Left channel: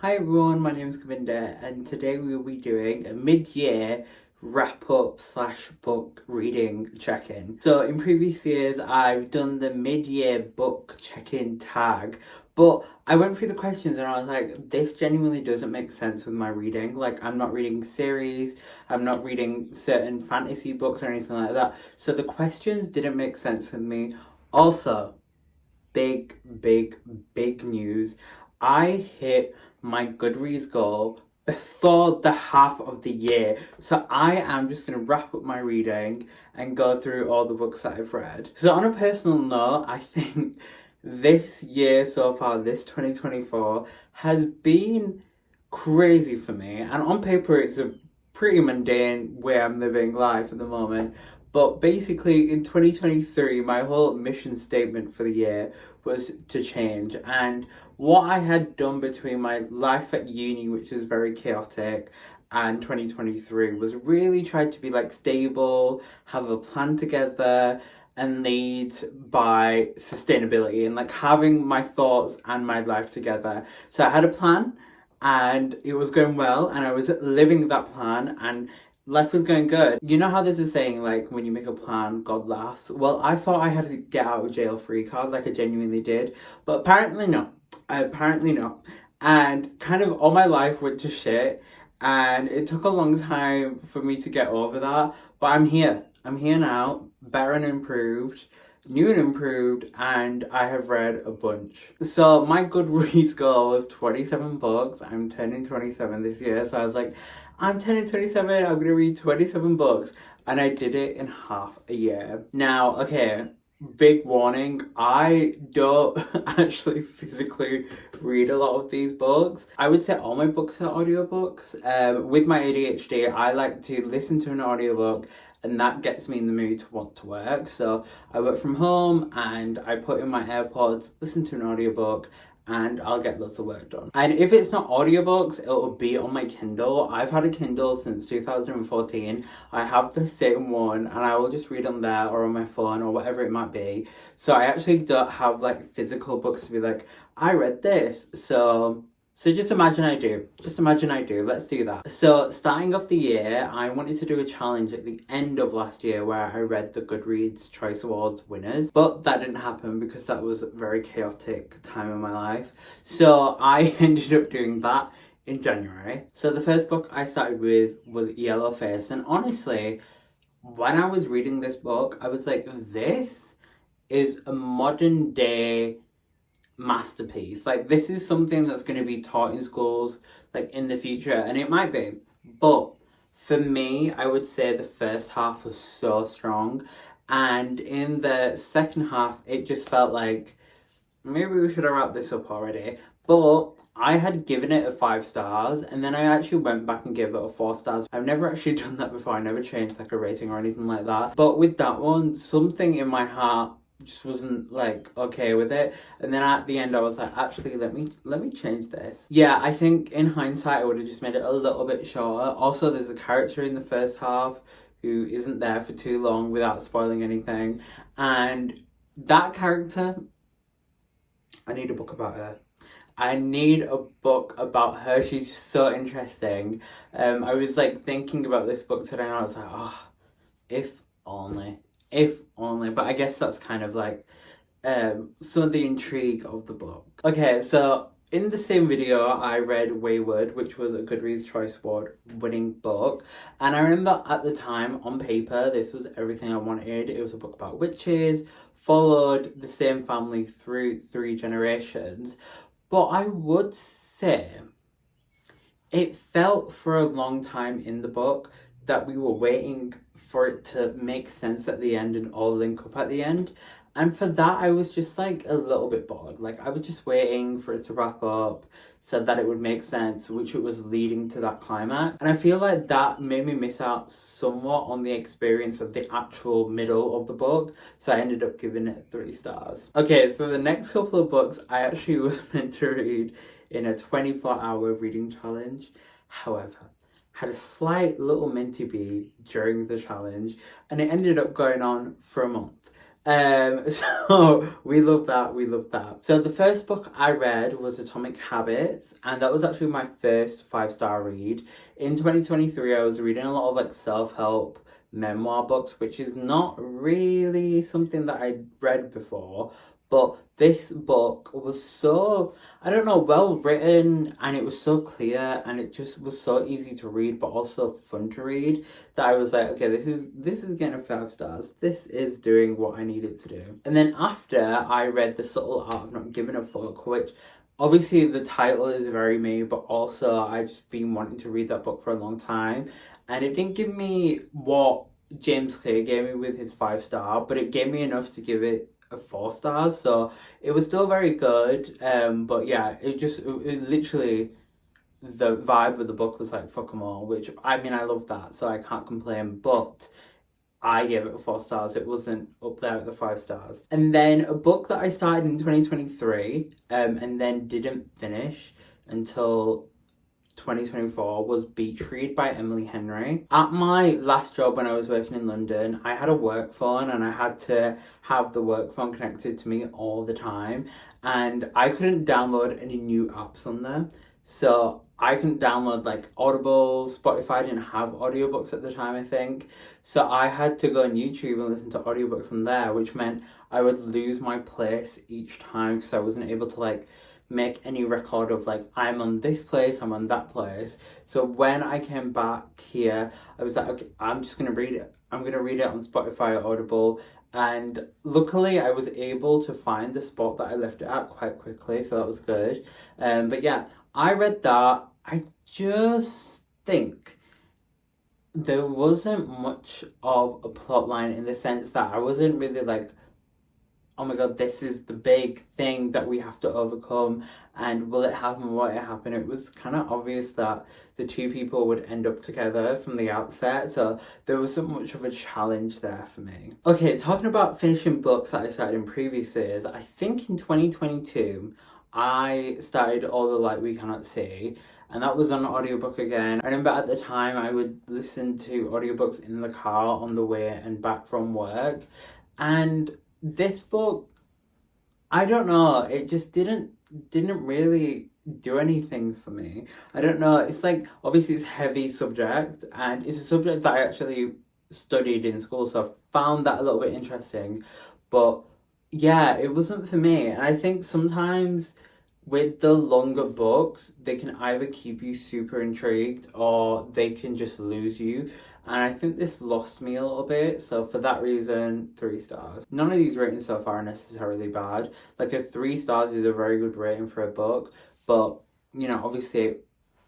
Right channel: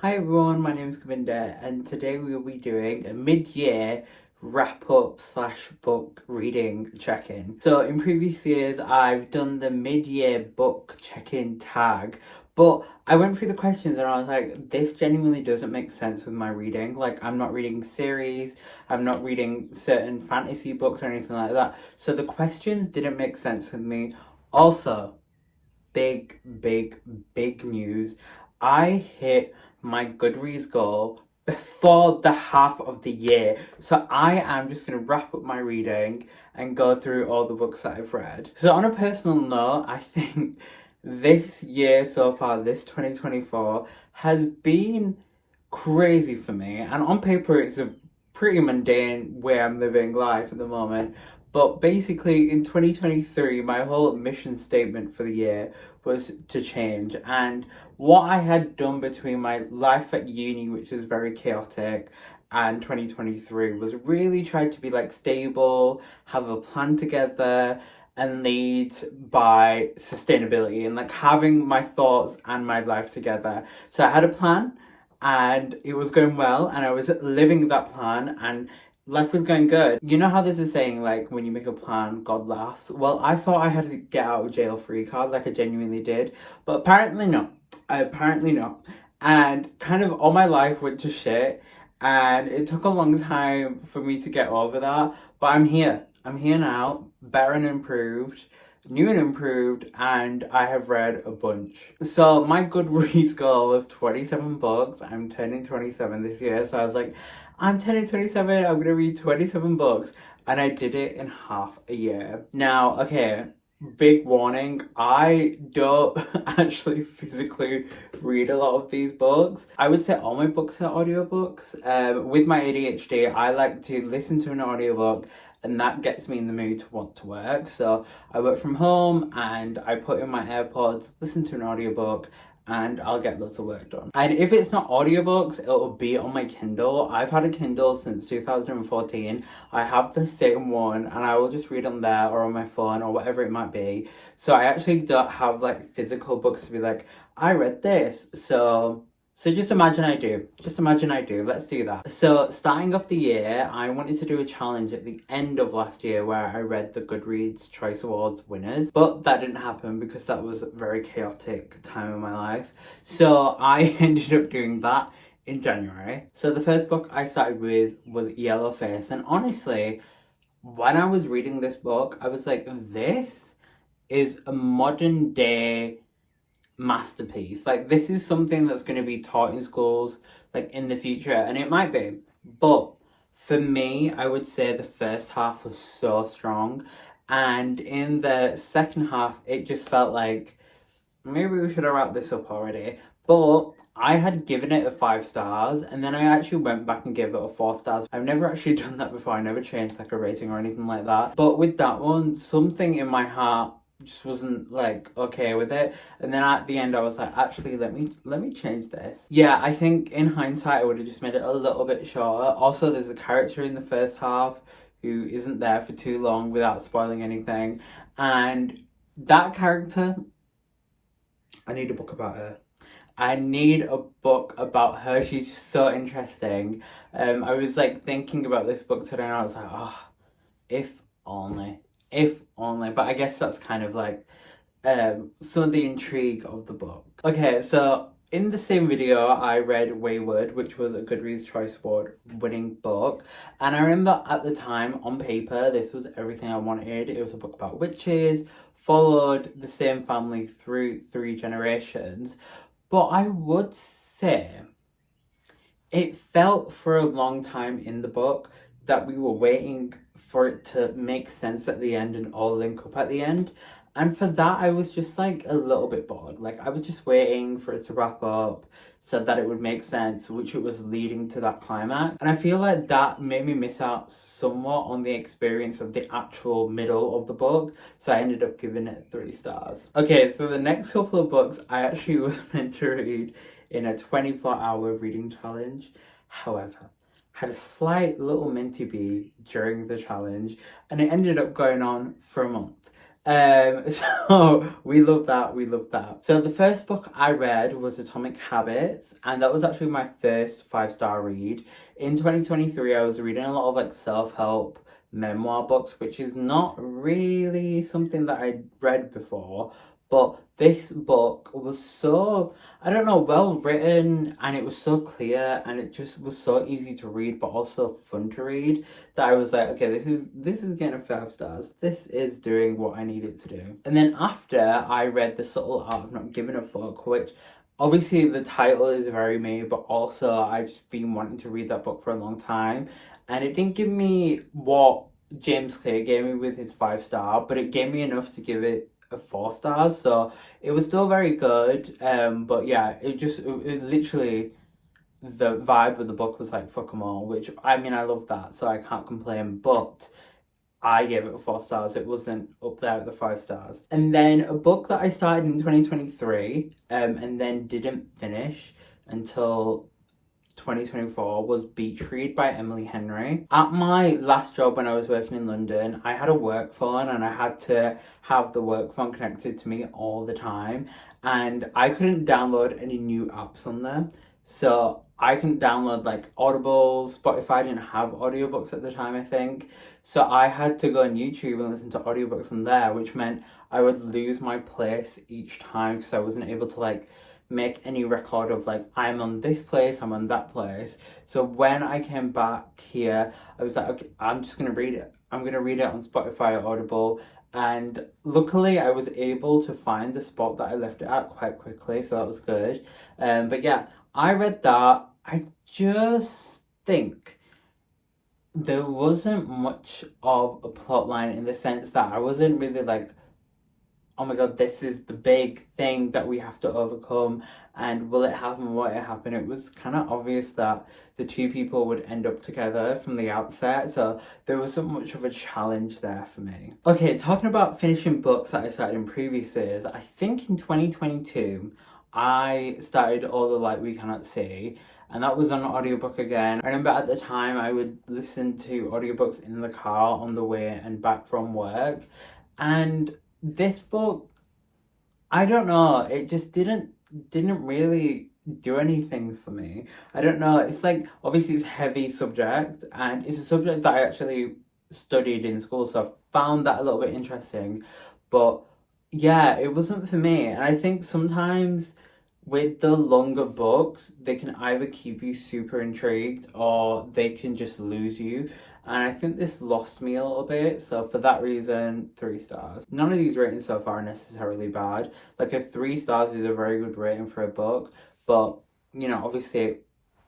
Hi everyone, my name is Govinda and today we will be doing a mid-year wrap-up slash book reading check-in. So in previous years I've done the mid-year book check-in tag, but I went through the questions and I was like, this genuinely doesn't make sense with my reading. Like, I'm not reading series, I'm not reading certain fantasy books or anything like that. So the questions didn't make sense with me. Also, big news. I hit my Goodreads goal before the half of the year. So I am just going to wrap up my reading and go through all the books that I've read. So on a personal note, I think this year so far, this 2024, has been crazy for me. And on paper, it's a pretty mundane way I'm living life at the moment. But basically, in 2023, my whole mission statement for the year was to change. And what I had done between my life at uni, which was very chaotic, and 2023 was really tried to be like stable, have a plan together, and lead by sustainability and like having my thoughts and my life together. So I had a plan and it was going well, and I was living that plan, and life was going good. You know how there's a saying like, when you make a plan, God laughs? Well, I thought I had a get out of jail free card, like I genuinely did, but apparently not. Apparently not. And kind of all my life went to shit, and it took a long time for me to get over that, but I'm here. I'm here now, better and improved, new and improved, and I have read a bunch. So my Goodreads goal was 27 books. I'm turning 27 this year, so I was like, I'm turning 27, I'm gonna read 27 books, and I did it in half a year. Now, okay, big warning, I don't actually physically read a lot of these books. I would say all my books are audiobooks. With my ADHD, I like to listen to an audiobook, and that gets me in the mood to want to work. So I work from home and I put in my AirPods, listen to an audiobook, and I'll get lots of work done. And if it's not audiobooks, it'll be on my Kindle. I've had a Kindle since 2014. I have the same one, and I will just read on there or on my phone or whatever it might be. So I actually don't have like physical books to be like, I read this. So just imagine I do. Just imagine I do. Let's do that. So starting off the year, I wanted to do a challenge at the end of last year where I read the Goodreads Choice Awards winners, but that didn't happen because that was a very chaotic time in my life. So I ended up doing that in January. So the first book I started with was Yellowface, and honestly, when I was reading this book, I was like, this is a modern day masterpiece. Like, this is something that's going to be taught in schools like in the future, and it might be, but for me, I would say the first half was so strong, and in the second half it just felt like maybe we should have wrapped this up already. But I had given it a 5 stars, and then I actually went back and gave it a 4 stars. I've never actually done that before. I never changed like a rating or anything like that, but with that one, something in my heart just wasn't like okay with it, and then at the end I was like, actually, let me change this. Yeah, I think in hindsight I would have just made it a little bit shorter. Also, there's a character in the first half who isn't there for too long without spoiling anything, and that character, I need a book about her. I need a book about her. She's just so interesting. I was like thinking about this book today, and I was like, oh, if only, if only. But I guess that's kind of like some of the intrigue of the book. Okay, so in the same video, I read Wayward, which was a Goodreads Choice Award winning book. And I remember at the time, on paper, this was everything I wanted. It was a book about witches, followed the same family through 3 generations. But I would say it felt for a long time in the book that we were waiting for it to make sense at the end and all link up at the end. And for that, I was just like a little bit bored. Like, I was just waiting for it to wrap up so that it would make sense, which it was leading to that climax. And I feel like that made me miss out somewhat on the experience of the actual middle of the book. So I ended up giving it 3 stars. Okay, so the next couple of books I actually was meant to read in a 24-hour reading challenge. However, had a slight little minty bee during the challenge, and it ended up going on for a month. So we love that, we love that. So the first book I read was Atomic Habits, and that was actually my first 5-star read. In 2023, I was reading a lot of like self-help memoir books, which is not really something that I'd read before. But this book was so, I don't know, well written, and it was so clear, and it just was so easy to read, but also fun to read, that I was like, okay, this is getting 5 stars. This is doing what I need it to do. And then after I read The Subtle Art of Not Giving a Fuck, which obviously the title is very me, but also I just been wanting to read that book for a long time, and it didn't give me what James Clear gave me with his 5-star, but it gave me enough to give it a 4 stars, so it was still very good. But yeah, it literally, the vibe of the book was like fuck 'em all, which I mean I love that, so I can't complain. But I gave it 4 stars. It wasn't up there at the 5 stars. And then a book that I started in 2023, and then didn't finish until 2024 was Beach Read by Emily Henry. At my last job when I was working in London, I had a work phone and I had to have the work phone connected to me all the time, and I couldn't download any new apps on there. So I couldn't download like Audible, Spotify didn't have audiobooks at the time, I think. So I had to go on YouTube and listen to audiobooks on there, which meant I would lose my place each time because I wasn't able to like make any record of like I'm on this place, I'm on that place. So when I came back here, I was like, okay, I'm just gonna read it. I'm gonna read it on Spotify or Audible. And luckily I was able to find the spot that I left it at quite quickly, so that was good. But yeah, I read that. I just think there wasn't much of a plot line, in the sense that I wasn't really like, oh my god, this is the big thing that we have to overcome, and will it happen, won't it happen? It was kind of obvious that the two people would end up together from the outset, so there wasn't much of a challenge there for me. Okay, talking about finishing books that I started in previous years, I think in 2022 I started All the Light We Cannot See, and that was on audiobook again. I remember at the time I would listen to audiobooks in the car on the way and back from work, and this book, I don't know, it just didn't really do anything for me. I don't know, it's like, obviously it's a heavy subject, and it's a subject that I actually studied in school, so I found that a little bit interesting, but yeah, it wasn't for me. And I think sometimes with the longer books, they can either keep you super intrigued or they can just lose you. And I think this lost me a little bit. So for that reason, 3 stars. None of these ratings so far are necessarily bad. Like a 3 stars is a very good rating for a book. But, you know, obviously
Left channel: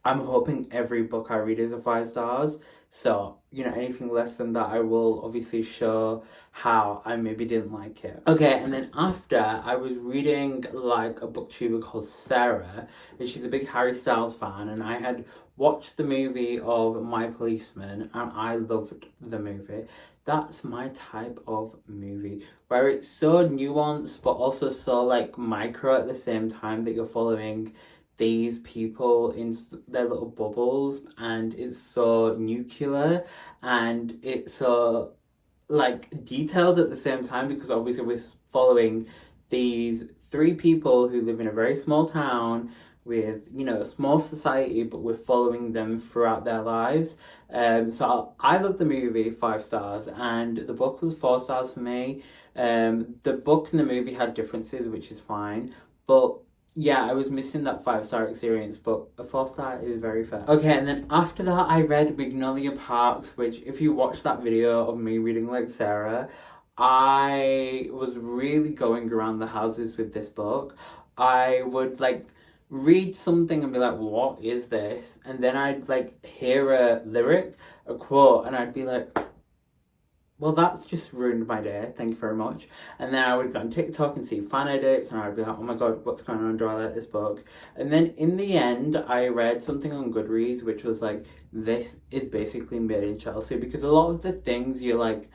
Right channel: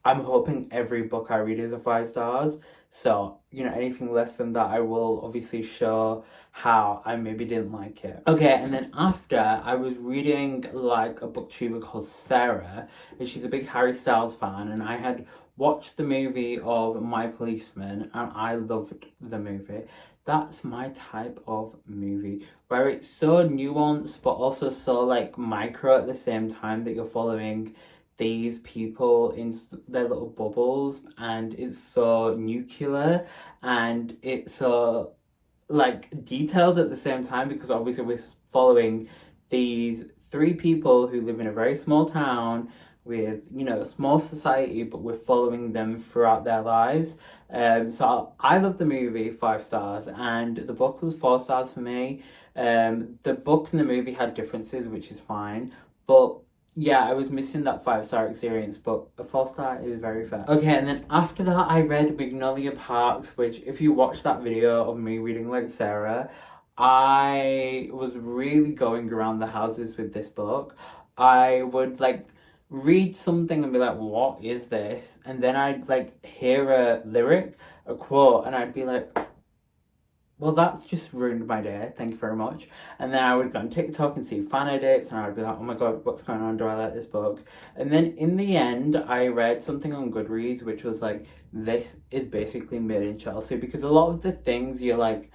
I'm hoping every book I read is a 5 stars. So, you know, anything less than that, I will obviously show how I maybe didn't like it. Okay, and then after, I was reading like a booktuber called Sarah, and she's a big Harry Styles fan, and I had watched the movie of My Policeman, and I loved the movie. That's my type of movie, where it's so nuanced, but also so like micro at the same time, that you're following these people in their little bubbles, and it's so nuclear and it's so like detailed at the same time, because obviously we're following these 3 people who live in a very small town with, you know, a small society, but we're following them throughout their lives. So I love the movie, 5 stars, and the book was 4 stars for me. The book and the movie had differences, which is fine, but yeah, I was missing that 5-star experience, but a 4-star is very fair. Okay, and then after that, I read Magnolia Parks, which, if you watch that video of me reading like Sarah, I was really going around the houses with this book. I would like read something and be like, what is this? And then I'd like hear a lyric, a quote, and I'd be like, well, that's just ruined my day, thank you very much. And then I would go on TikTok and see fan edits, and I'd be like, oh my god, what's going on? Do I like this book? And then in the end, I read something on Goodreads, which was like, this is basically made in Chelsea, because a lot of the things you're like,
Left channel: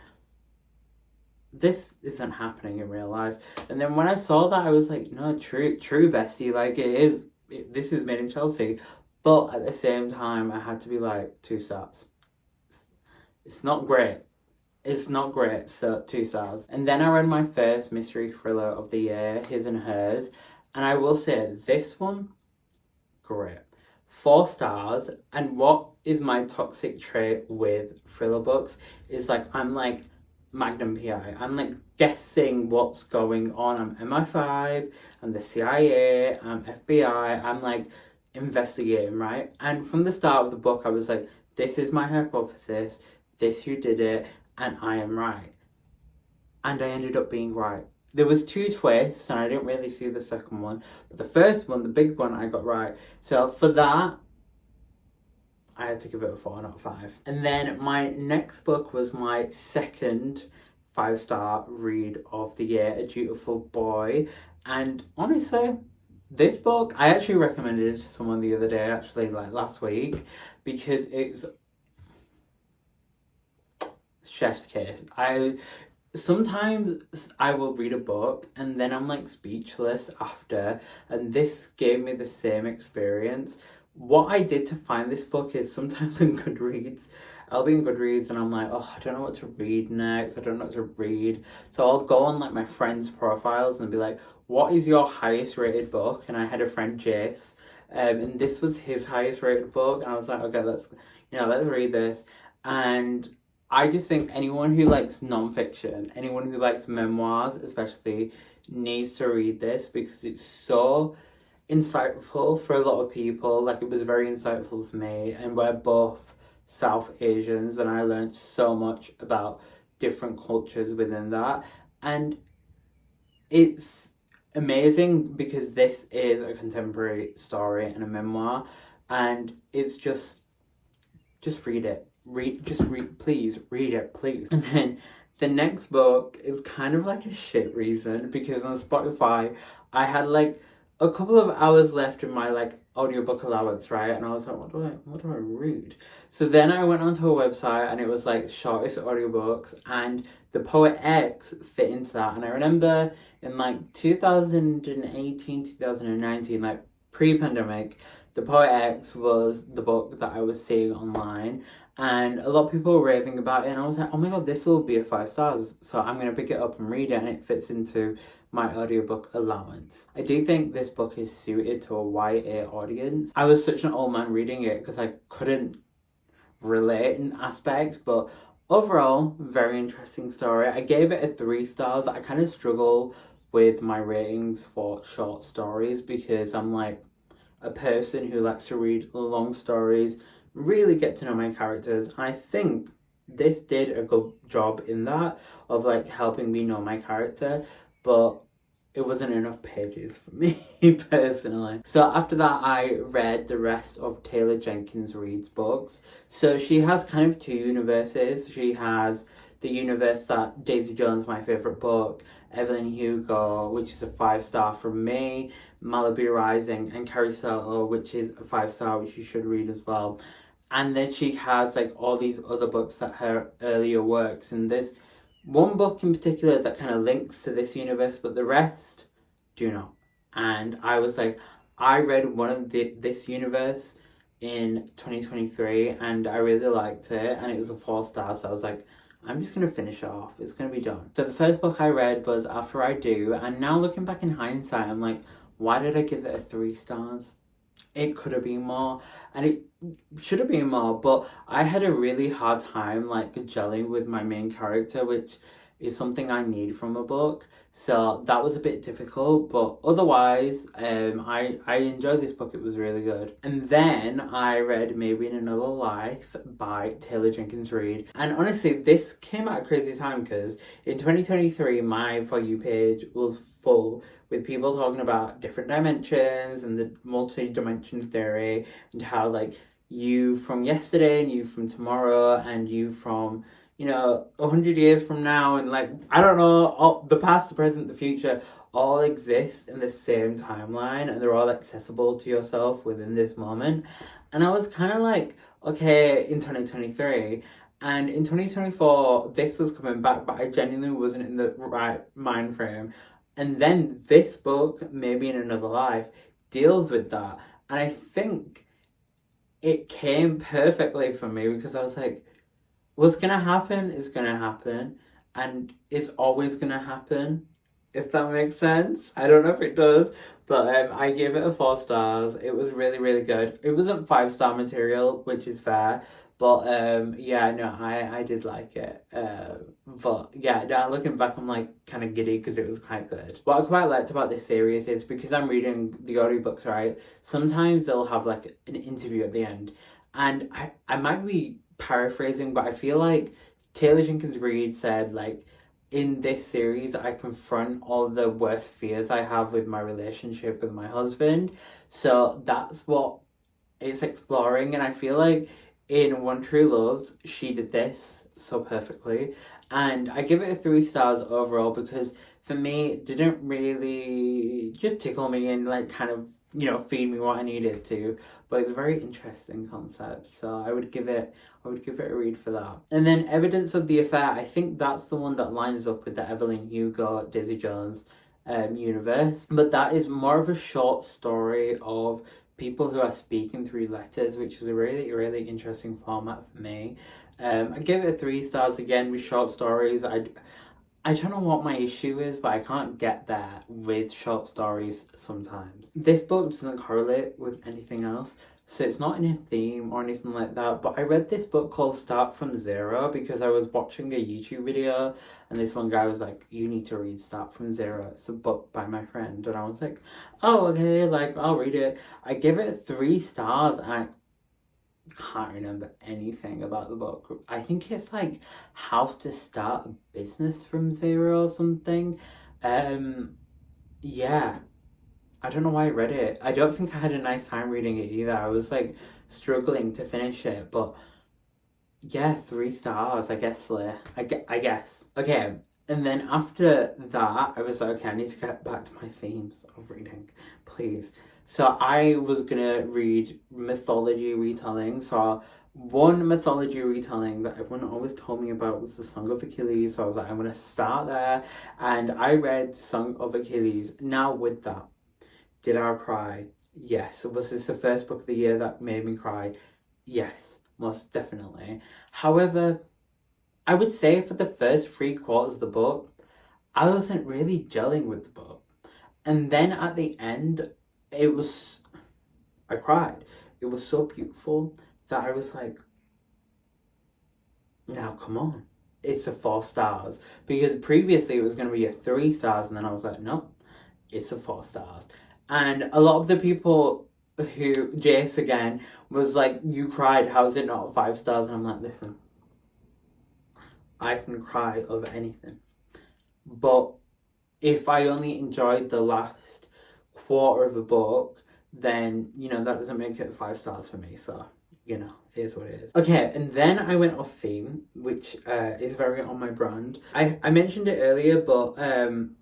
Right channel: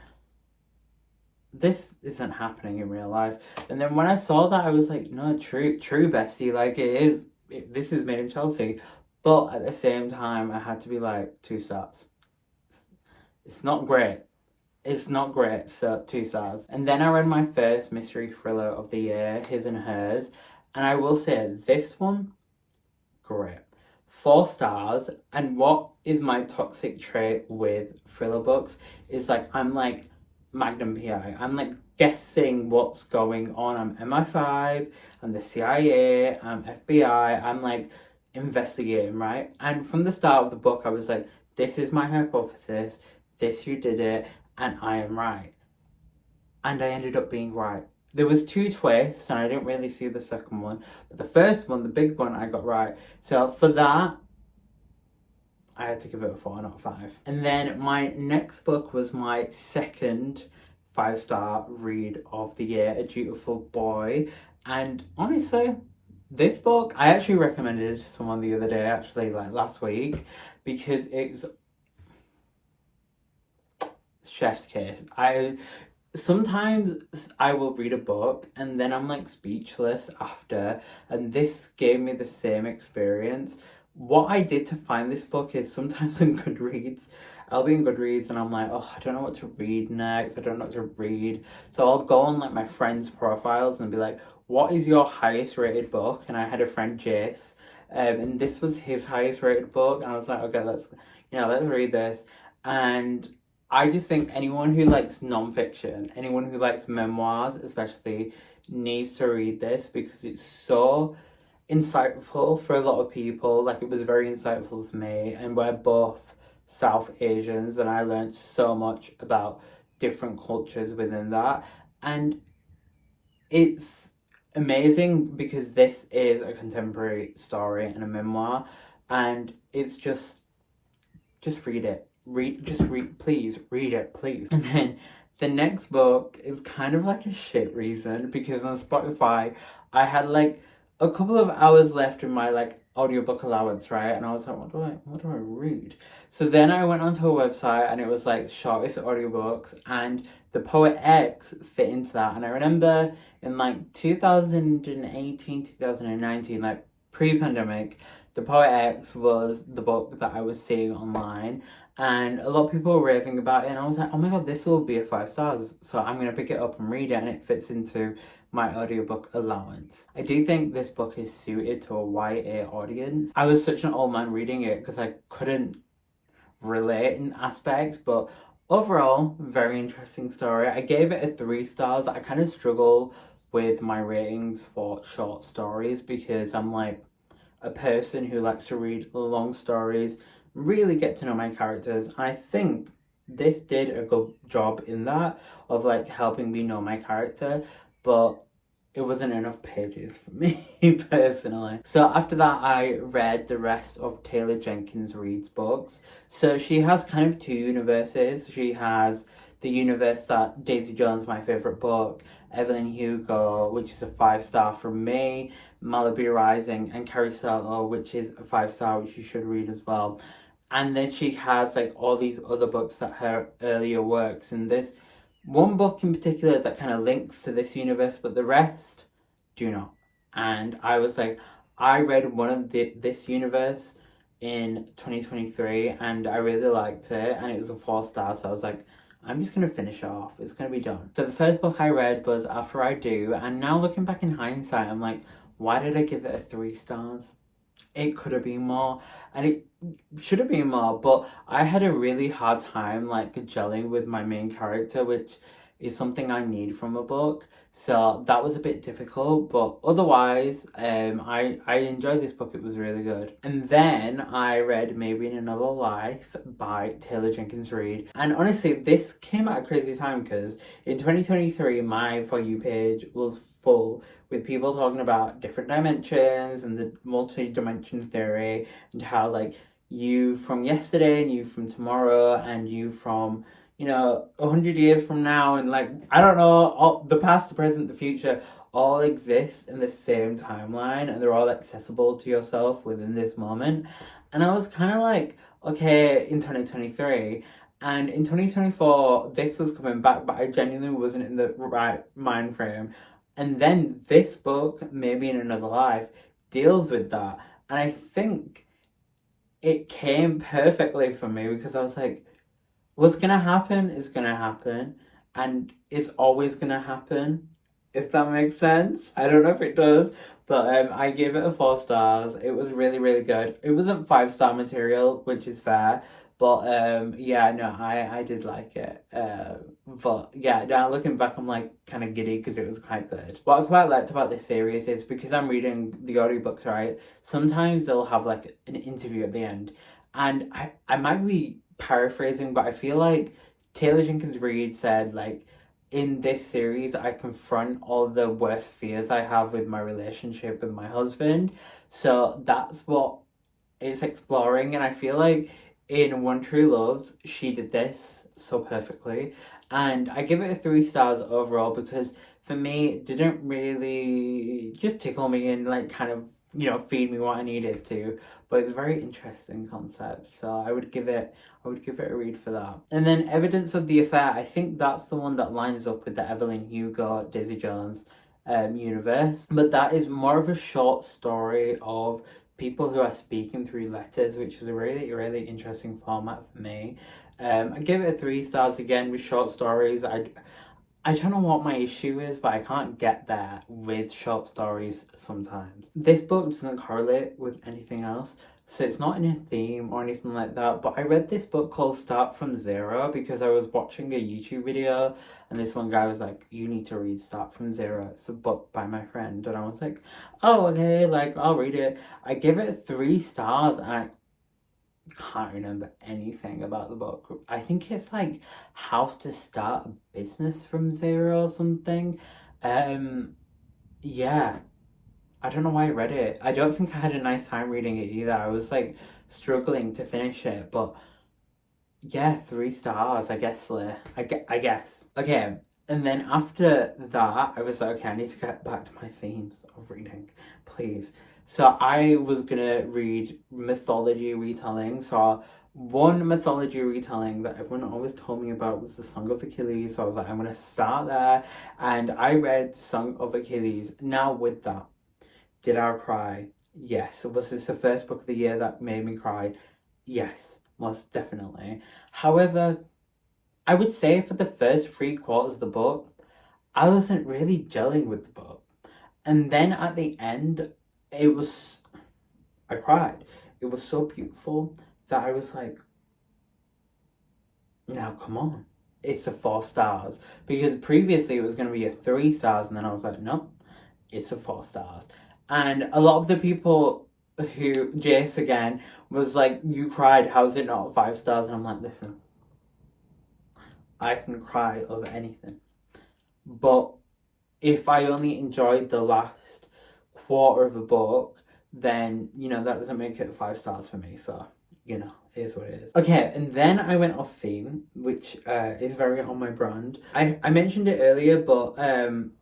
this isn't happening in real life. And then when I saw that, I was like, no, true, bestie, like this is made in Chelsea. But at the same time, I had to be like, 2 stars. It's not great. It's not great, so 2 stars. And then I read my first mystery thriller of the year, His and Hers, and I will say this one, great. 4 stars. And what is my toxic trait with thriller books is like, I'm like Magnum PI. I'm like guessing what's going on. I'm MI5, I'm the CIA, I'm FBI, I'm like investigating, right? And from the start of the book, I was like, this is my hypothesis, this who did it, and I am right. And I ended up being right. There was 2 twists, and I didn't really see the second one, but the first one, the big one, I got right. So for that, I had to give it a 4, not 5. And then my next book was my second 5-star read of the year, A Dutiful Boy. And honestly, this book, I actually recommended it to someone the other day, actually, like last week, because it's chef's kiss. Sometimes I will read a book and then I'm like speechless after, and this gave me the same experience. What I did to find this book is sometimes on Goodreads, I'll be in Goodreads and I'm like, oh, I don't know what to read next, I don't know what to read. So I'll go on like my friends' profiles and be like, what is your highest rated book? And I had a friend, Jace, and this was his highest rated book, and I was like, okay, let's read this. And I just think anyone who likes non-fiction, anyone who likes memoirs especially, needs to read this because it's so insightful for a lot of people. Like, it was very insightful for me, and we're both South Asians, and I learned so much about different cultures within that. And it's amazing because this is a contemporary story and a memoir, and it's just read it. Please read it, please. And then the next book is kind of like a shit reason, because on Spotify I had like a couple of hours left in my like audiobook allowance, right? And I was like, what do I read? So then I went onto a website and it was like shortest audiobooks, and The Poet X fit into that. And I remember in like 2018, 2019, like pre-pandemic, The Poet X was the book that I was seeing online, and a lot of people were raving about it, and I was like, oh my god, this will be a 5 stars, so I'm going to pick it up and read it, and it fits into my audiobook allowance. I do think this book is suited to a YA audience. I was such an old man reading it because I couldn't relate in aspects, but overall, very interesting story. I gave it a 3 stars. I kind of struggle with my ratings for short stories because I'm like a person who likes to read long stories, really get to know my characters. I think this did a good job in that, of like helping me know my character, but it wasn't enough pages for me personally. So after that, I read the rest of Taylor Jenkins Reid's books. So she has kind of 2 universes. She has the universe that Daisy Jones, my favourite book, Evelyn Hugo, which is a 5-star from me, Malibu Rising, and Carrie Soto, which is a 5-star, which you should read as well. And then she has like all these other books that her earlier works, and there's one book in particular that kind of links to this universe, but the rest do not. And I was like, I read one of this universe in 2023 and I really liked it, and it was a 4-star, so I was like, I'm just going to finish it off. It's going to be done. So the first book I read was After I Do, and now looking back in hindsight, I'm like, why did I give it a 3 stars? It could have been more, and it should have been more, but I had a really hard time like gelling with my main character, which is something I need from a book. So that was a bit difficult, but otherwise, I enjoyed this book. It was really good. And then I read Maybe in Another Life by Taylor Jenkins Reid. And honestly, this came at a crazy time because in 2023, my For You page was full with people talking about different dimensions and the multi-dimension theory, and how like you from yesterday and you from tomorrow and you from 100 years from now, and like, I don't know, all, the past, the present, the future, all exist in the same timeline, and they're all accessible to yourself within this moment. And I was kind of like, okay, in 2023, and in 2024, this was coming back, but I genuinely wasn't in the right mind frame. And then this book, Maybe in Another Life, deals with that. And I think it came perfectly for me because I was like, what's gonna happen is gonna happen, and it's always gonna happen, if that makes sense. I don't know if it does, but I gave it a 4 stars. It was really, really good. It wasn't 5-star material, which is fair, but yeah, no, I did like it. But yeah, now looking back, I'm like kind of giddy because it was quite good. What I quite liked about this series is because I'm reading the audiobooks, right? Sometimes they'll have like an interview at the end, and I might be paraphrasing, but I feel like Taylor Jenkins Reid said like, in this series, I confront all the worst fears I have with my relationship with my husband. So that's what it's exploring, and I feel like in One True Loves, she did this so perfectly. And I give it a 3 stars overall because for me, it didn't really just tickle me and like kind of, feed me what I needed to. But it's a very interesting concept. So I would give it a read for that. And then Evidence of the Affair, I think that's the one that lines up with the Evelyn Hugo, Daisy Jones universe. But that is more of a short story of people who are speaking through letters, which is a really, really interesting format for me. I give it 3 stars again with short stories. I don't know what my issue is, but I can't get there with short stories sometimes. This book doesn't correlate with anything else, so it's not in a theme or anything like that. But I read this book called Start From Zero because I was watching a YouTube video and this one guy was like, you need to read Start From Zero. It's a book by my friend. And I was like, oh, okay, like I'll read it. I give it 3 stars and I can't remember anything about the book. I think it's like how to start a business from zero or something. Yeah, I don't know why I read it. I don't think I had a nice time reading it either. I was like struggling to finish it, but yeah, 3 stars, I guess, Slayer. I guess. Okay, and then after that, I was like, okay, I need to get back to my themes of reading, please. So I was gonna read mythology retelling. So one mythology retelling that everyone always told me about was the Song of Achilles. So I was like, I'm gonna start there, and I read Song of Achilles. Now with that, did I cry? Yes. Was this the first book of the year that made me cry? Yes, most definitely. However, I would say for the first 3 quarters of the book, I wasn't really gelling with the book. And then at the end, I cried. It was so beautiful that I was like, now come on. It's a 4 stars. Because previously it was going to be a 3 stars, and then I was like, nope, it's a 4 stars. And a lot of the people who, Jace again, was like, you cried, how's it not 5 stars? And I'm like, listen, I can cry over anything. But if I only enjoyed the last quarter of a book, then, that doesn't make it 5 stars for me. So, it is what it is. Okay, and then I went off theme, which is very on my brand. I mentioned it earlier, but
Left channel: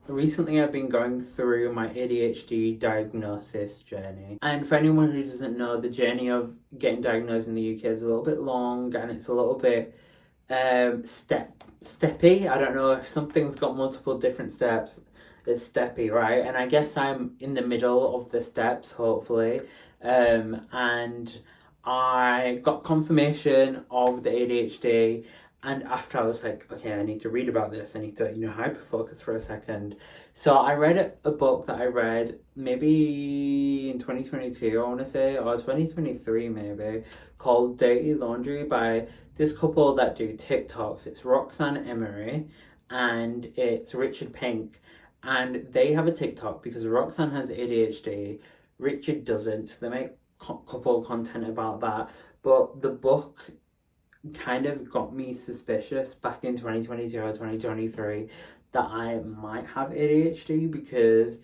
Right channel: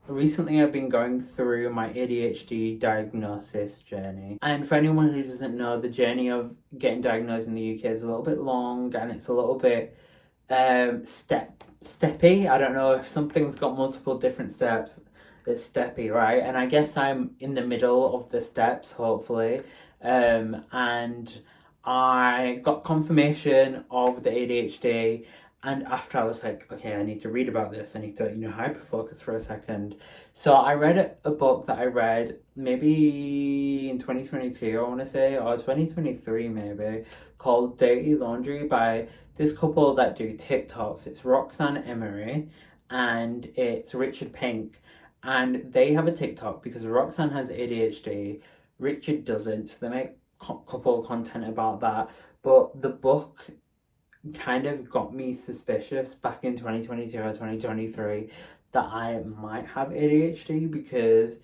recently I've been going through my ADHD diagnosis journey. And for anyone who doesn't know, the journey of getting diagnosed in the UK is a little bit long, and it's a little bit steppy. I don't know if something's got multiple different steps. It's steppy, right? And I guess I'm in the middle of the steps, hopefully. And I got confirmation of the ADHD, and after I was like, okay, I need to read about this. I need to, hyper focus for a second. So I read a book that I read maybe in 2022, I want to say, or 2023 maybe, called Dirty Laundry by this couple that do TikToks. It's Roxanne Emery and it's Richard Pink. And they have a TikTok because Roxanne has ADHD, Richard doesn't. So they make couple content about that. But the book kind of got me suspicious back in 2022 or 2023 that I might have ADHD because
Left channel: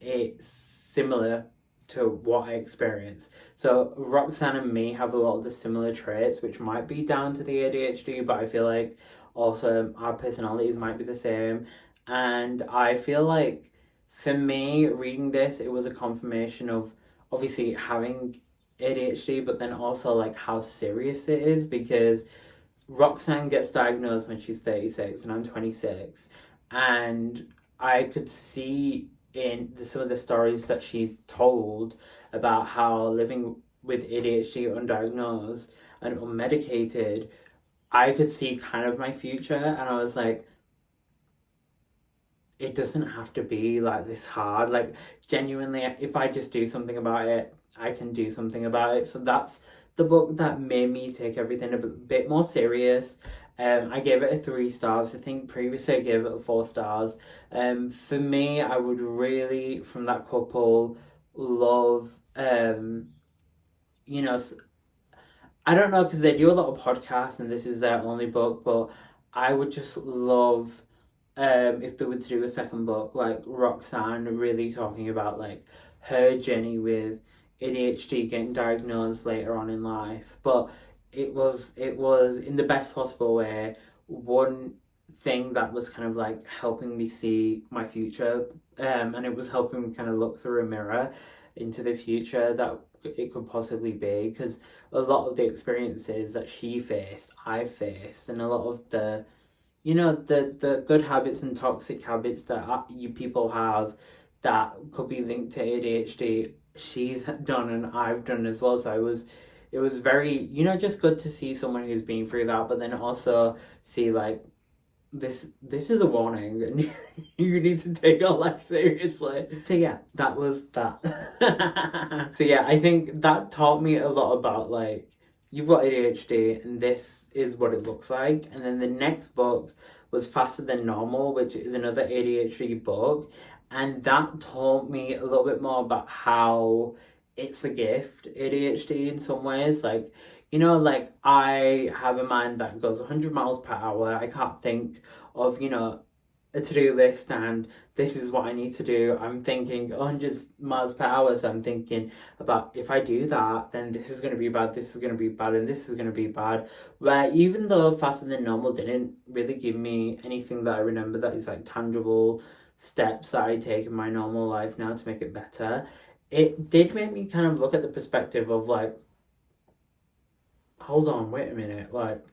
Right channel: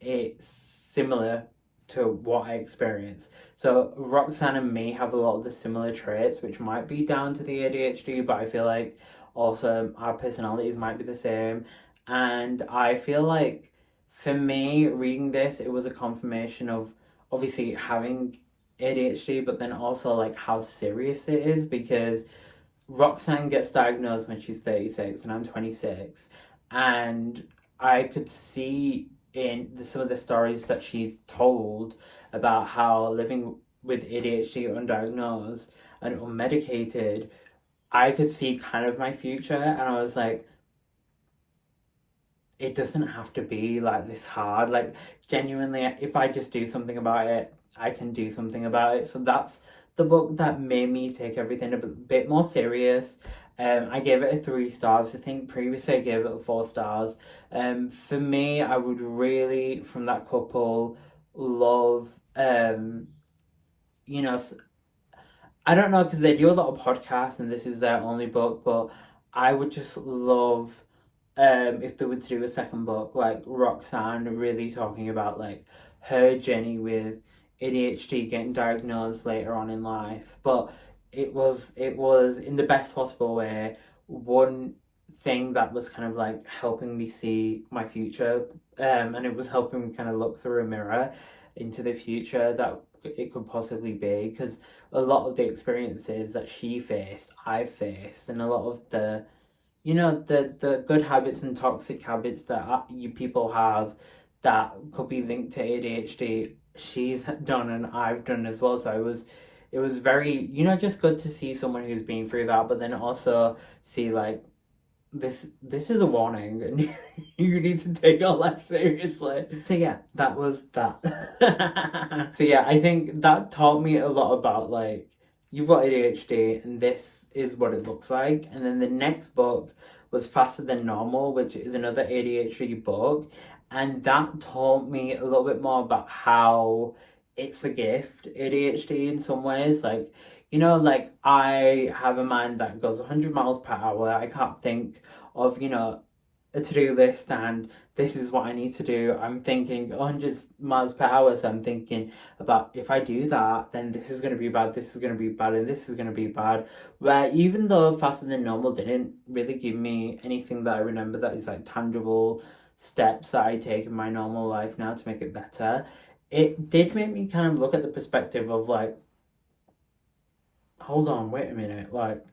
it's similar to what I experience. So Roxanne and me have a lot of the similar traits, which might be down to the ADHD, but I feel like also our personalities might be the same. And I feel like for me, reading this, it was a confirmation of obviously having ADHD, but then also like how serious it is, because Roxanne gets diagnosed when she's 36 and I'm 26, and I could see in some of the stories that she told about how living with ADHD undiagnosed and unmedicated I could see kind of my future, and I was like, it doesn't have to be like this hard. Like, genuinely, if I just do something about it, I can do something about it. So that's the book that made me take everything a bit more serious. I gave it a 3 stars. I think previously I gave it a 4 stars. For me, I would really, from that couple, love, you know, I don't know, because they do a lot of podcasts and this is their only book, but I would just love, if they were to do a second book, like Roxanne really talking about like her journey with ADHD, getting diagnosed later on in life. But it was in the best possible way. One thing that was kind of like helping me see my future, and it was helping me kind of look through a mirror into the future that it could possibly be, because a lot of the experiences that she faced, I've faced, and a lot of the, the good habits and toxic habits that you people have that could be linked to ADHD, she's done and I've done as well. So it was very, just good to see someone who's been through that, but then also see like this is a warning and you need to take your life seriously. So yeah, that was that. So yeah, I think that taught me a lot about like, you've got ADHD and this is what it looks like. And then the next book was Faster Than Normal, which is another ADHD book, and that taught me a little bit more about how it's a gift, ADHD, in some ways. Like, like I have a mind that goes 100 miles per hour. I can't think of, a to-do list and this is what I need to do. I'm thinking 100 miles per hour, so I'm thinking about, if I do that, then this is going to be bad, this is going to be bad, and this is going to be bad. Where even though Faster Than Normal didn't really give me anything that I remember that is like tangible steps that I take in my normal life now to make it better, it did make me kind of look at the perspective of like, hold on, wait a minute, like,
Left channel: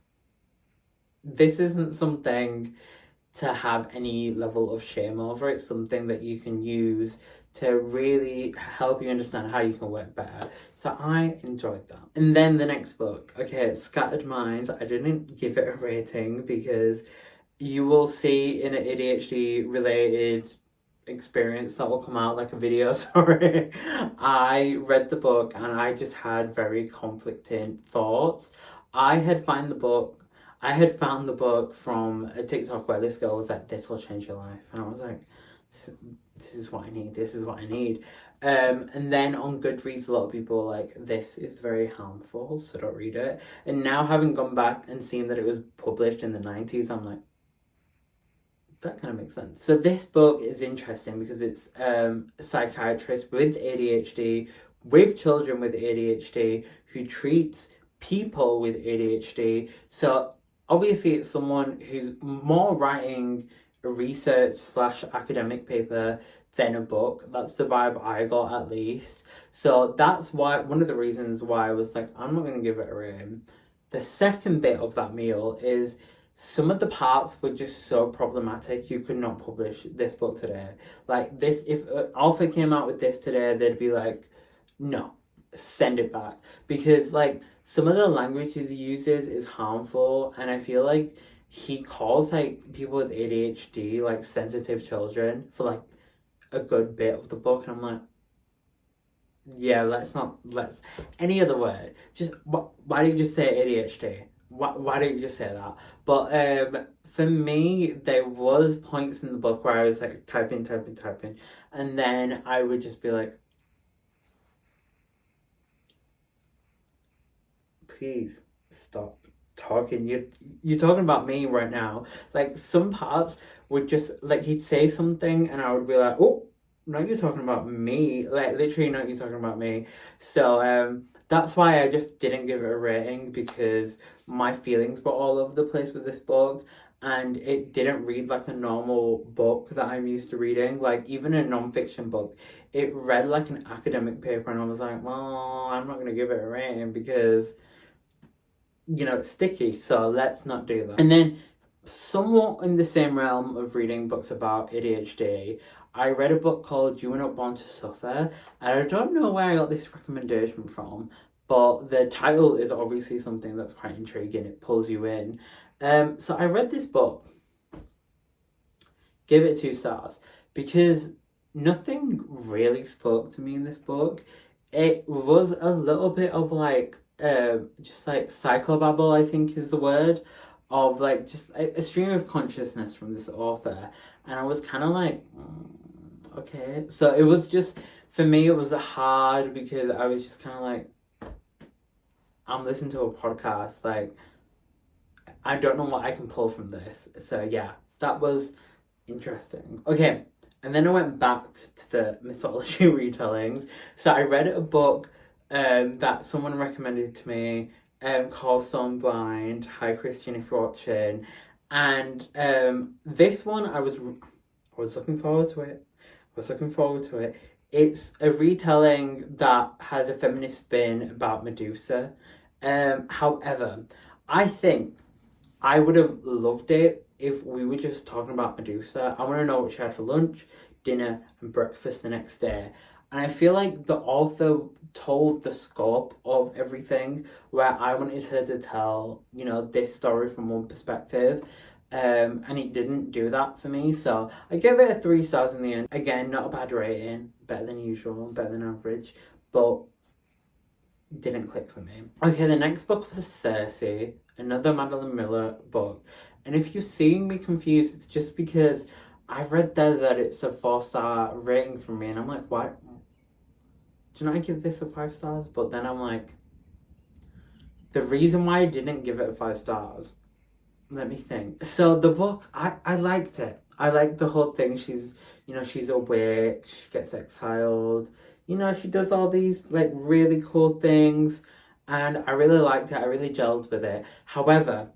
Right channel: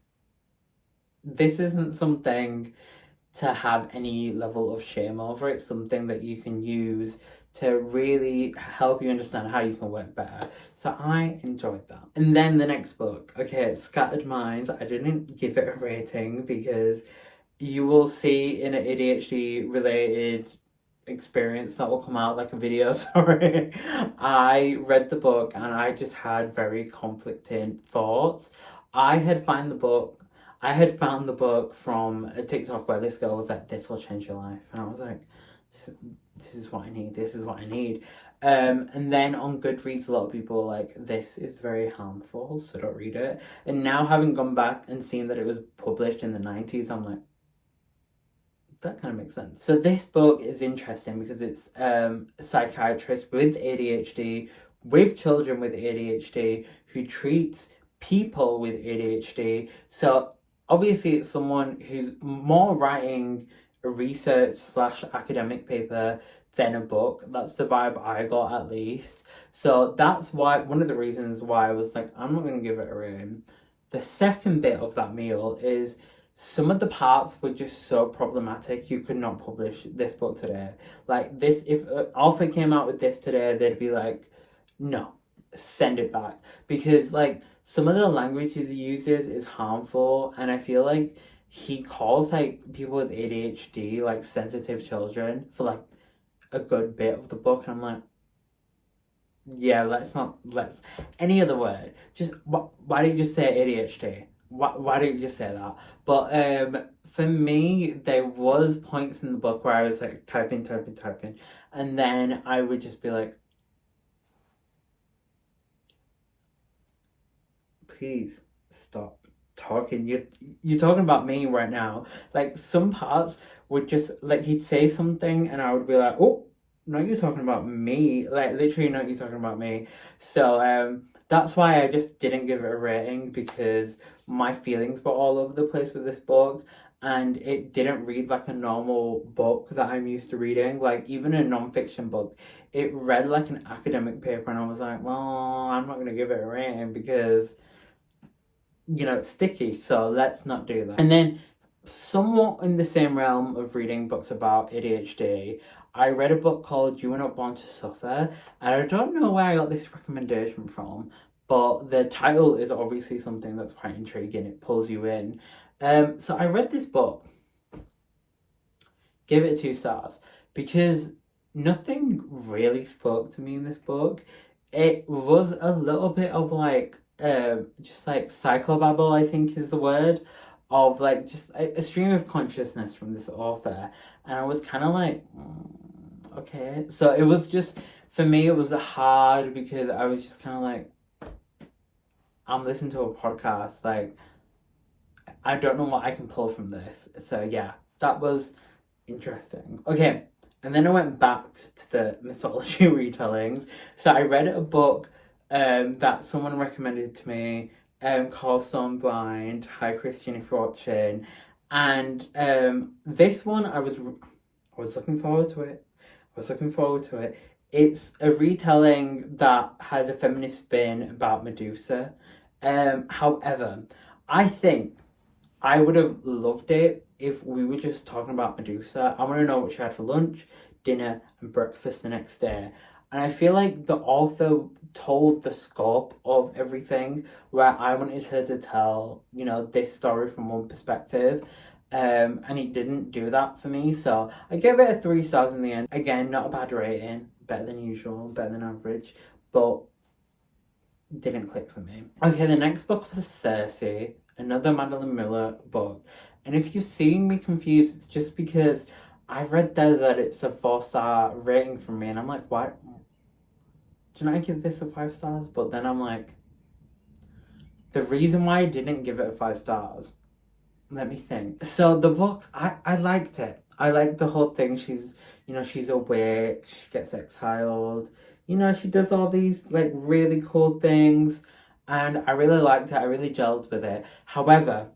this isn't something to have any level of shame over. It's something that you can use to really help you understand how you can work better. So I enjoyed that. And then the next book, okay, Scattered Minds. I didn't give it a rating because you will see in an ADHD related experience that will come out, like a video, sorry. I read the book and I just had very conflicting thoughts. I had found the book from a TikTok where this girl was like, this will change your life. And I was like, this is what I need. This is what I need. And then on Goodreads, a lot of people were like, this is very harmful, so don't read it. And now having gone back and seen that it was published in the 90s, I'm like, that kind of makes sense. So this book is interesting because it's a psychiatrist with ADHD, with children with ADHD, who treats people with ADHD. So obviously it's someone who's more writing a research / academic paper than a book. That's the vibe I got, at least. So that's why, one of the reasons why I was like, I'm not going to give it a rating. The second bit of that meal is some of the parts were just so problematic. You could not publish this book today. Like this, if an author came out with this today, they'd be like, no, send it back. Because like some of the language he uses is harmful, and I feel like he calls like people with ADHD like sensitive children for like a good bit of the book, and I'm like, yeah, let's any other word. Just why don't you just say ADHD? Why don't you just say that? But for me, there was points in the book where I was like typing, and then I would just be like, please stop talking. You're talking about me right now. Like some parts would just like, he'd say something and I would be like, oh, no, you're talking about me. Like literally, not you talking about me. So that's why I just didn't give it a rating, because my feelings were all over the place with this book, and it didn't read like a normal book that I'm used to reading. Like even a non-fiction book, it read like an academic paper, and I was like, well, I'm not gonna give it a rating because it's sticky, so let's not do that. And then somewhat in the same realm of reading books about ADHD, I read a book called You Were Not Born to Suffer, and I don't know where I got this recommendation from, but the title is obviously something that's quite intriguing. It pulls you in. So I read this book, gave it 2 stars, because nothing really spoke to me in this book. It was a little bit of like, just like psychobabble, I think is the word, of like just a stream of consciousness from this author. And I was kind of like, okay. So it was just, for me, it was hard because I was just kind of like, I'm listening to a podcast, like, I don't know what I can pull from this. So yeah, that was interesting. Okay, and then I went back to the mythology retellings. So I read a book that someone recommended to me called Stormblind. Hi Christian, if you're watching. And this one I was looking forward to it. It's a retelling that has a feminist spin about Medusa. However, I think I would have loved it if we were just talking about Medusa. I want to know what she had for lunch, dinner, and breakfast the next day. And I feel like the author told the scope of everything, where I wanted her to tell, you know, this story from one perspective. And it didn't do that for me. So I gave it a 3 stars in the end. Again, not a bad rating. Better than usual, better than average. But didn't click for me. Okay, the next book was Circe, another Madeline Miller book. And if you're seeing me confused, it's just because I read there that it's a 4-star rating from me, and I'm like, what? Didn't I give this a 5 stars? But then I'm like, the reason why I didn't give it a 5 stars, let me think. So the book, I liked it. I liked the whole thing. She's a witch, gets exiled. She does all these like really cool things, and I really liked it. I really gelled with it. However,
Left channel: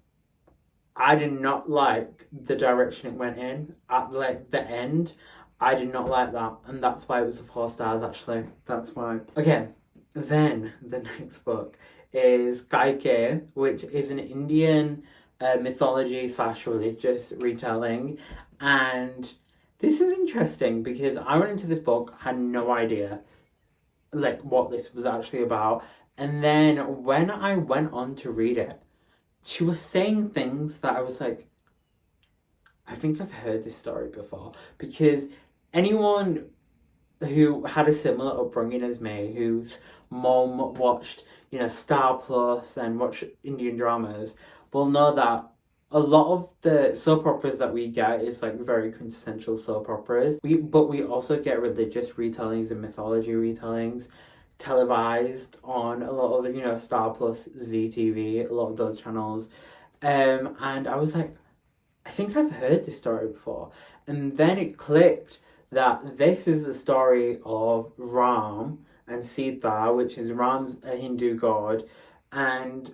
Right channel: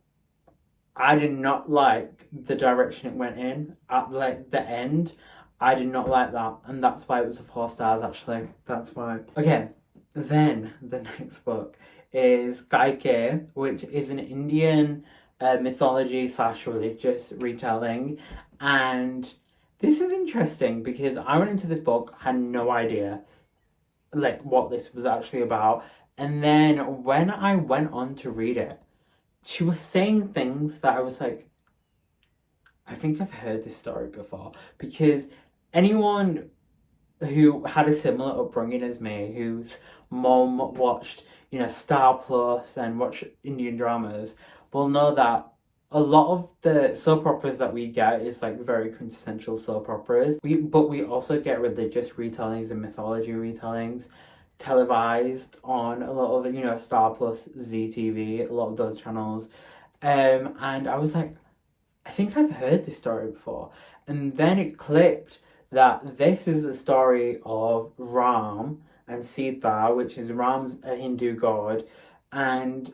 I did not like the direction it went in at like the end. I did not like that, and that's why it was a 4 stars actually. That's why. Okay, then the next book is Kaikeyi, which is an Indian mythology / religious retelling, and this is interesting because I went into this book, had no idea like what this was actually about, and then when I went on to read it, she was saying things that I was like, I think I've heard this story before, because anyone who had a similar upbringing as me, whose mom watched, Star Plus and watched Indian dramas, will know that a lot of the soap operas that we get is like very quintessential soap operas. But we also get religious retellings and mythology retellings televised on a lot of, Star Plus, ZTV, a lot of those channels. And I was like, I think I've heard this story before. And then it clicked that this is the story of Ram and Sita, which is Ram's a Hindu god, and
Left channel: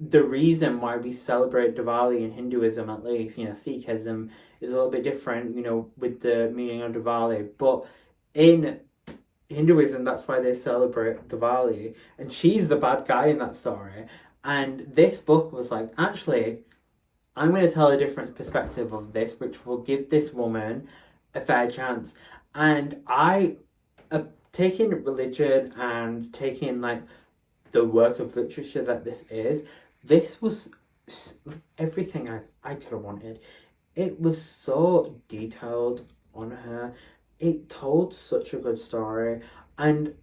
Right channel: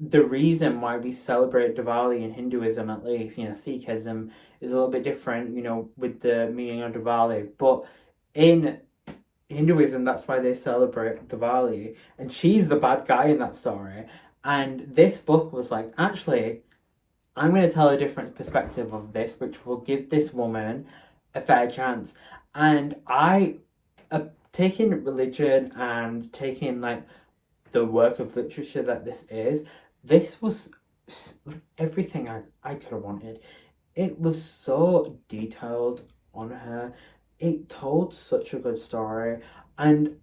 the reason why we celebrate Diwali in Hinduism, at least, Sikhism is a little bit different, with the meaning of Diwali, but in Hinduism, that's why they celebrate Diwali, and she's the bad guy in that story. And this book was like, actually, I'm going to tell a different perspective of this, which will give this woman a fair chance. And I, taking religion and taking like the work of literature that this was everything I could have wanted. It was so detailed on her. It told such a good story, and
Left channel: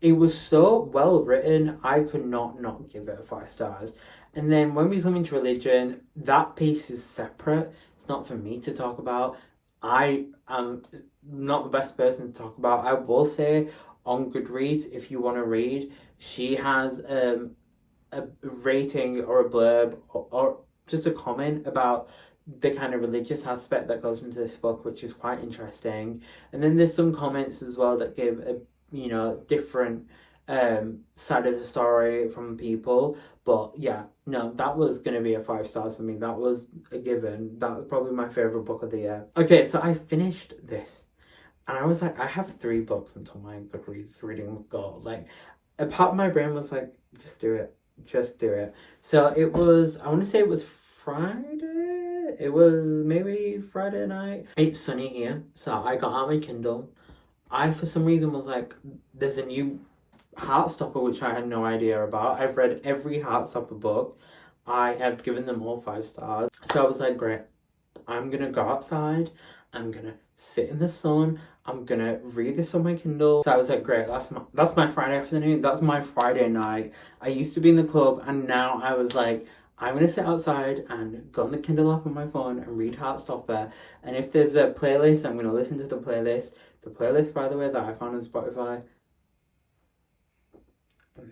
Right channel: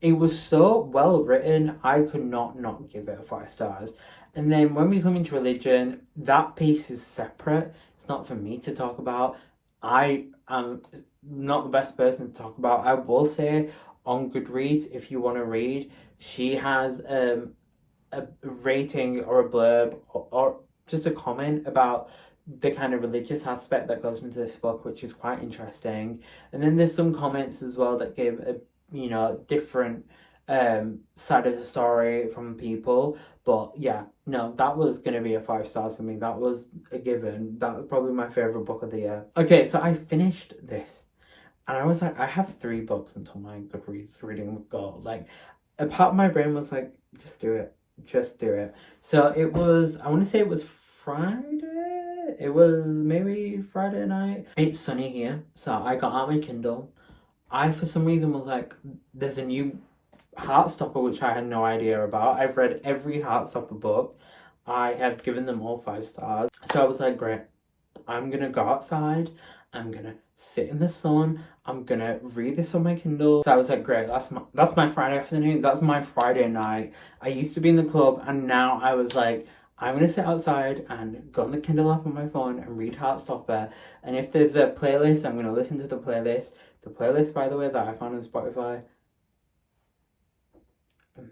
it was so well written. I could not give it 5 stars. And then when we come into religion, that piece is separate. It's not for me to talk about. I am not the best person to talk about. I will say on Goodreads, if you want to read, she has a rating or a blurb or just a comment about the kind of religious aspect that goes into this book, which is quite interesting. And then there's some comments as well that give a different side of the story from people. But yeah, no, that was gonna be a 5 stars for me. That was a given. That was probably my favorite book of the year. Okay, so I finished this, and I was like, I have 3 books until my Goodreads reading goal. Like, a part of my brain was like, just do it. So it was, I want to say it was Friday. It was maybe Friday night. It's sunny here, so I got out my Kindle. I, for some reason, was like, there's a new Heartstopper, which I had no idea about. I've read every Heartstopper book. I have given them all 5 stars. So I was like, great, I'm gonna go outside, I'm gonna sit in the sun, I'm gonna read this on my Kindle. So I was like, great, that's my Friday afternoon, that's my Friday night. I used to be in the club, and now I was like, I'm gonna sit outside and go on the Kindle app on my phone and read Heartstopper. And if there's a playlist, I'm gonna listen to the playlist. The playlist, by the way, that I found on Spotify,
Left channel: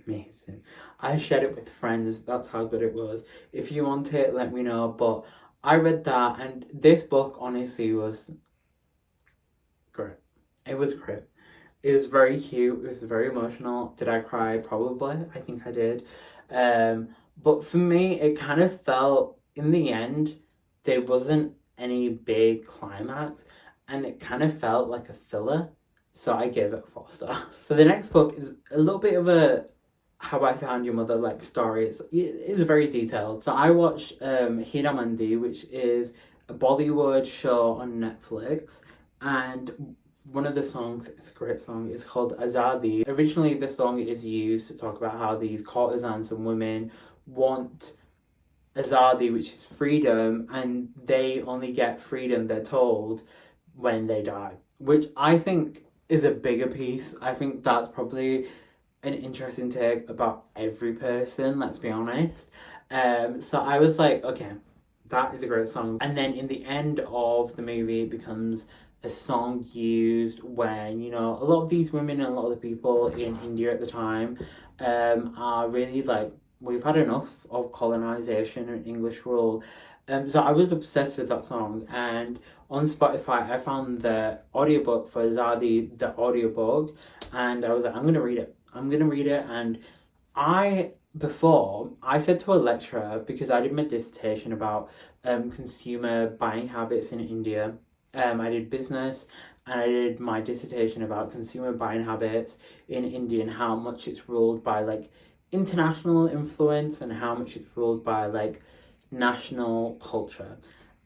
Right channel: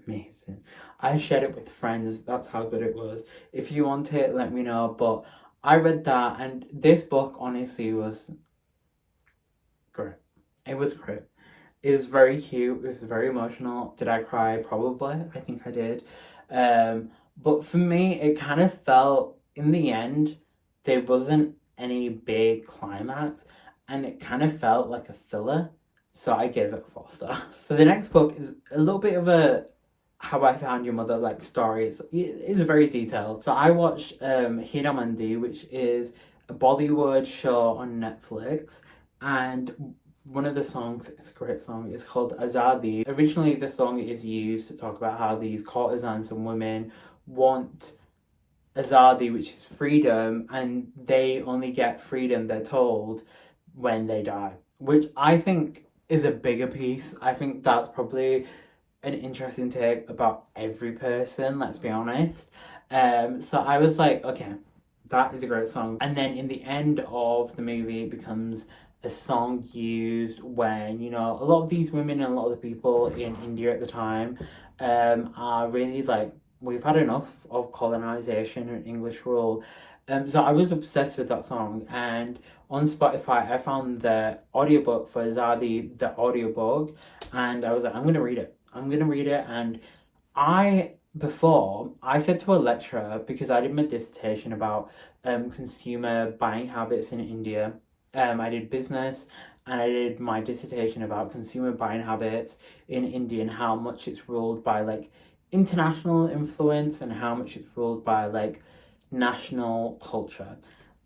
amazing. I shared it with friends, that's how good it was. If you want it, let me know. But I read that, and this book honestly was great. It was great. It was very cute. It was very emotional. Did I cry? Probably. I think I did. But for me, it kind of felt, in the end, there wasn't any big climax, and it kind of felt like a filler. So I gave it 4 stars. So the next book is a little bit of a How I Found Your Mother like story. It's very detailed. So I watched Hira Mandi, which is a Bollywood show on Netflix, and one of the songs, it's a great song, it's called Azadi. Originally, the song is used to talk about how these courtesans and women want Azadi, which is freedom, and they only get freedom, they're told, when they die, which I think is a bigger piece. I think that's probably an interesting take about every person, let's be honest. So I was like, okay, that is a great song. And then in the end of the movie, it becomes a song used when, you know, a lot of these women and a lot of the people in India at the time are really like, we've had enough of colonization and English rule. So I was obsessed with that song, and on Spotify I found the audiobook for Zadi, the audiobook, and I was like, I'm gonna read it. And before I said to a lecturer, because I did my dissertation about consumer buying habits in India. I did business, and I did my dissertation about consumer buying habits in India and how much it's ruled by like international influence and how much it's ruled by like national culture.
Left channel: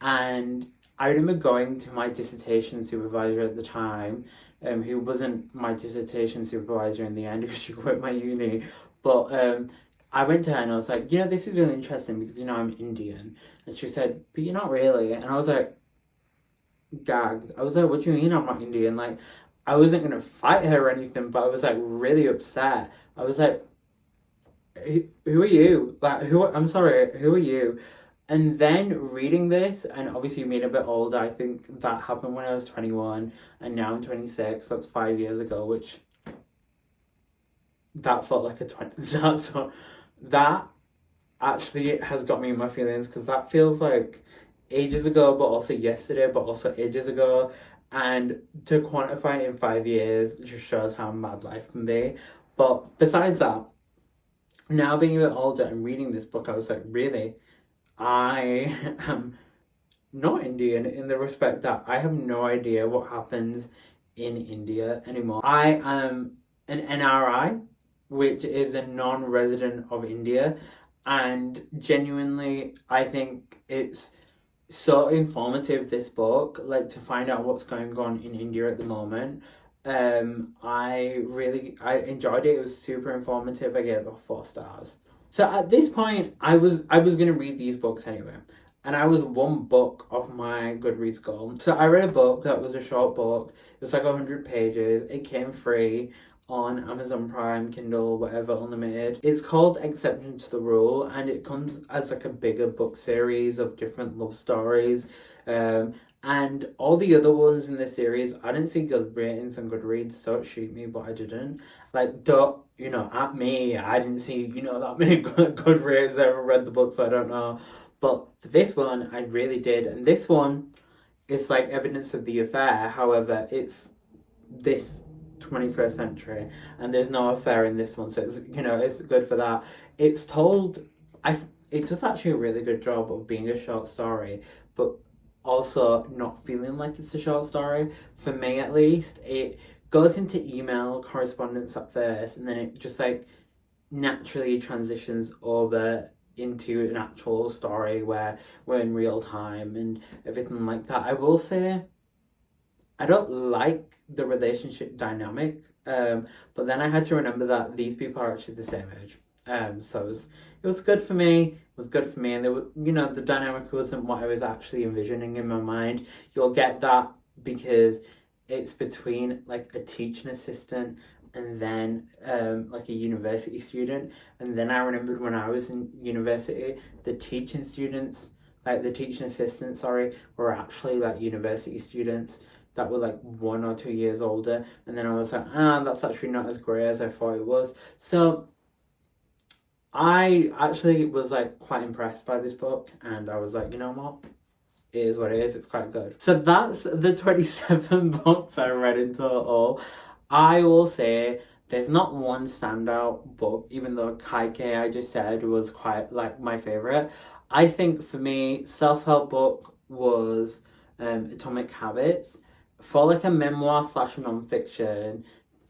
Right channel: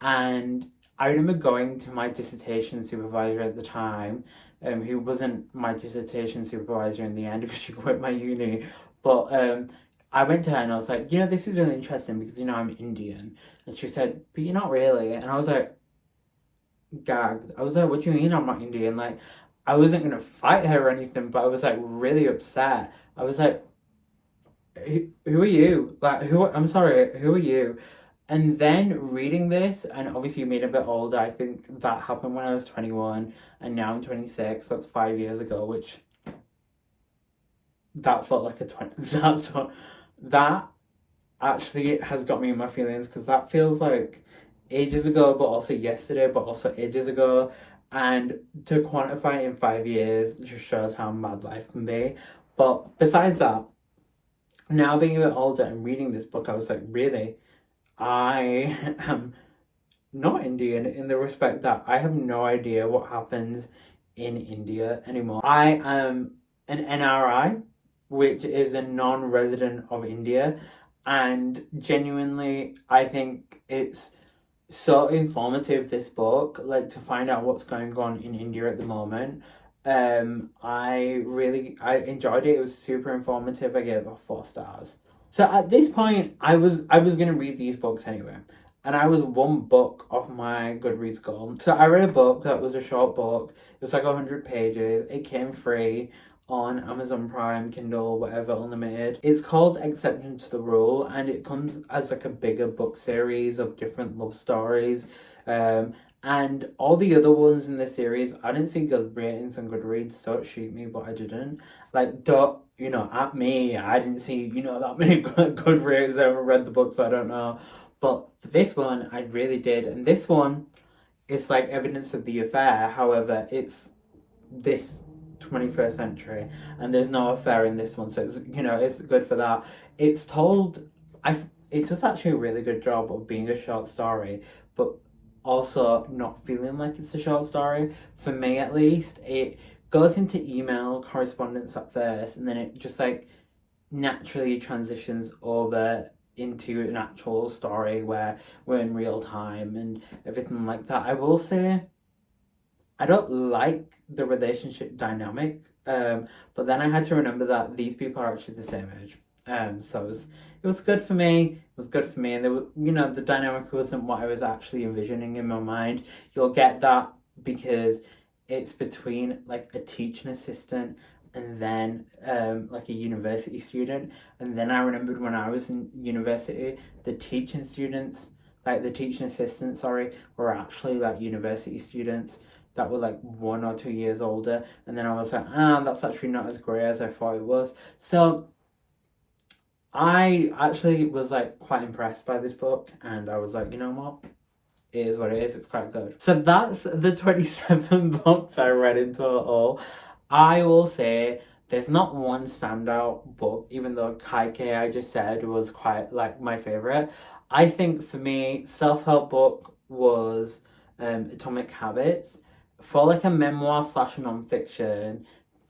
And I remember going to my dissertation supervisor at the time, who wasn't my dissertation supervisor in the end because she quit my uni, but I went to her and I was like, you know, this is really interesting because, you know, I'm Indian. And she said, but you're not really. And I was like, gagged. I was like, what do you mean I'm not Indian? Like, I wasn't gonna fight her or anything, but I was like really upset. I was like, who are you? Like, I'm sorry, who are you? And then reading this, and obviously being a bit older, I think that happened when I was 21, and now I'm 26. That's 5 years ago, which that felt like a 20. That actually has got me in my feelings, because that feels like ages ago, but also yesterday, but also ages ago. And to quantify it in 5 years just shows how mad life can be. But besides that, now being a bit older and reading this book, I was like, really? I am not Indian, in the respect that I have no idea what happens in India anymore. I am an NRI, which is a non-resident of India, and genuinely I think it's so informative, this book, like to find out what's going on in India at the moment. I enjoyed it. It was super informative. I gave it 4 stars. So at this point, I was gonna read these books anyway, and I was 1 book off my Goodreads goal. So I read a book that was a short book. It was like 100 pages. It came free on Amazon Prime, Kindle, whatever, unlimited. It's called Exception to the Rule, and it comes as like a bigger book series of different love stories. And all the other ones in the series, I didn't see good ratings on Goodreads. Don't shoot me, but I didn't. Like, don't, you know, at me, I didn't see, you know, that many good ratings. I haven't read the book, so I don't know. But for this one, I really did. And this one is like evidence of the affair. However, it's this 21st century, and there's no affair in this one, so it's, you know, it's good for that. It's told, it does actually a really good job of being a short story, but also not feeling like it's a short story, for me at least. It goes into email correspondence at first, and then it just like naturally transitions over into an actual story where we're in real time and everything like that. I will say, I don't like the relationship dynamic But then I had to remember that these people are actually the same age. So it was good for me. It was good for me, and they were, you know, the dynamic wasn't what I was actually envisioning in my mind. You'll get that because it's between like a teaching assistant and then like a university student. And then I remembered when I was in university, the teaching students, like the teaching assistants, sorry, were actually like university students that were like 1 or 2 years older. And then I was like, that's actually not as great as I thought it was. So I actually was like quite impressed by this book, and I was like, you know what? It is what it is. It's quite good. So that's the 27 books I read in total. I will say there's not one standout book, even though Kaike I just said was quite like my favorite. I think for me, self-help book was Atomic Habits. For like a memoir slash non-fiction,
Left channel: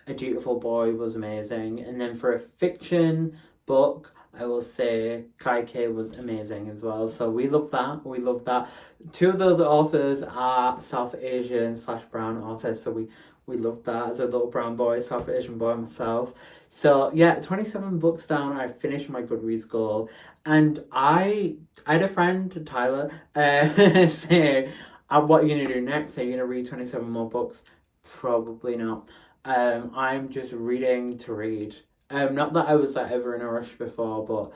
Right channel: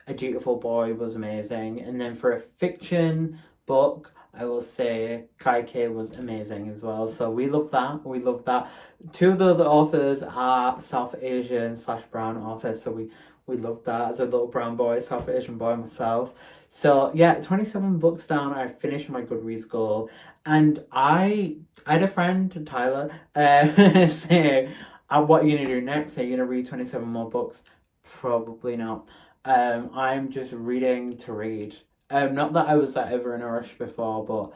A Dutiful Boy was amazing. And then for a fiction book, I will say Kaike was amazing as well. So we love that. We love that. Two of those authors are South Asian slash brown authors. So we love that as a little brown boy, South Asian boy myself. So yeah, 27 books down. I finished my Goodreads goal. And I had a friend, Tyler, say, what are you going to do next? Are you going to read 27 more books? Probably not. I'm just reading to read. Not that I was like ever in a rush before, but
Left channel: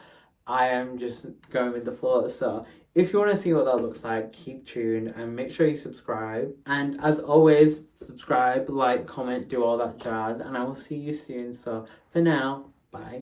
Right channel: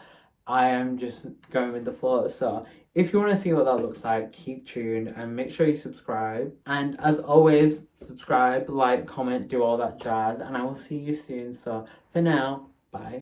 I am just going with the flow. So if you want to see what that looks like, keep tuned and make sure you subscribe. And as always, subscribe, like, comment, do all that jazz, and I will see you soon. So for now, bye.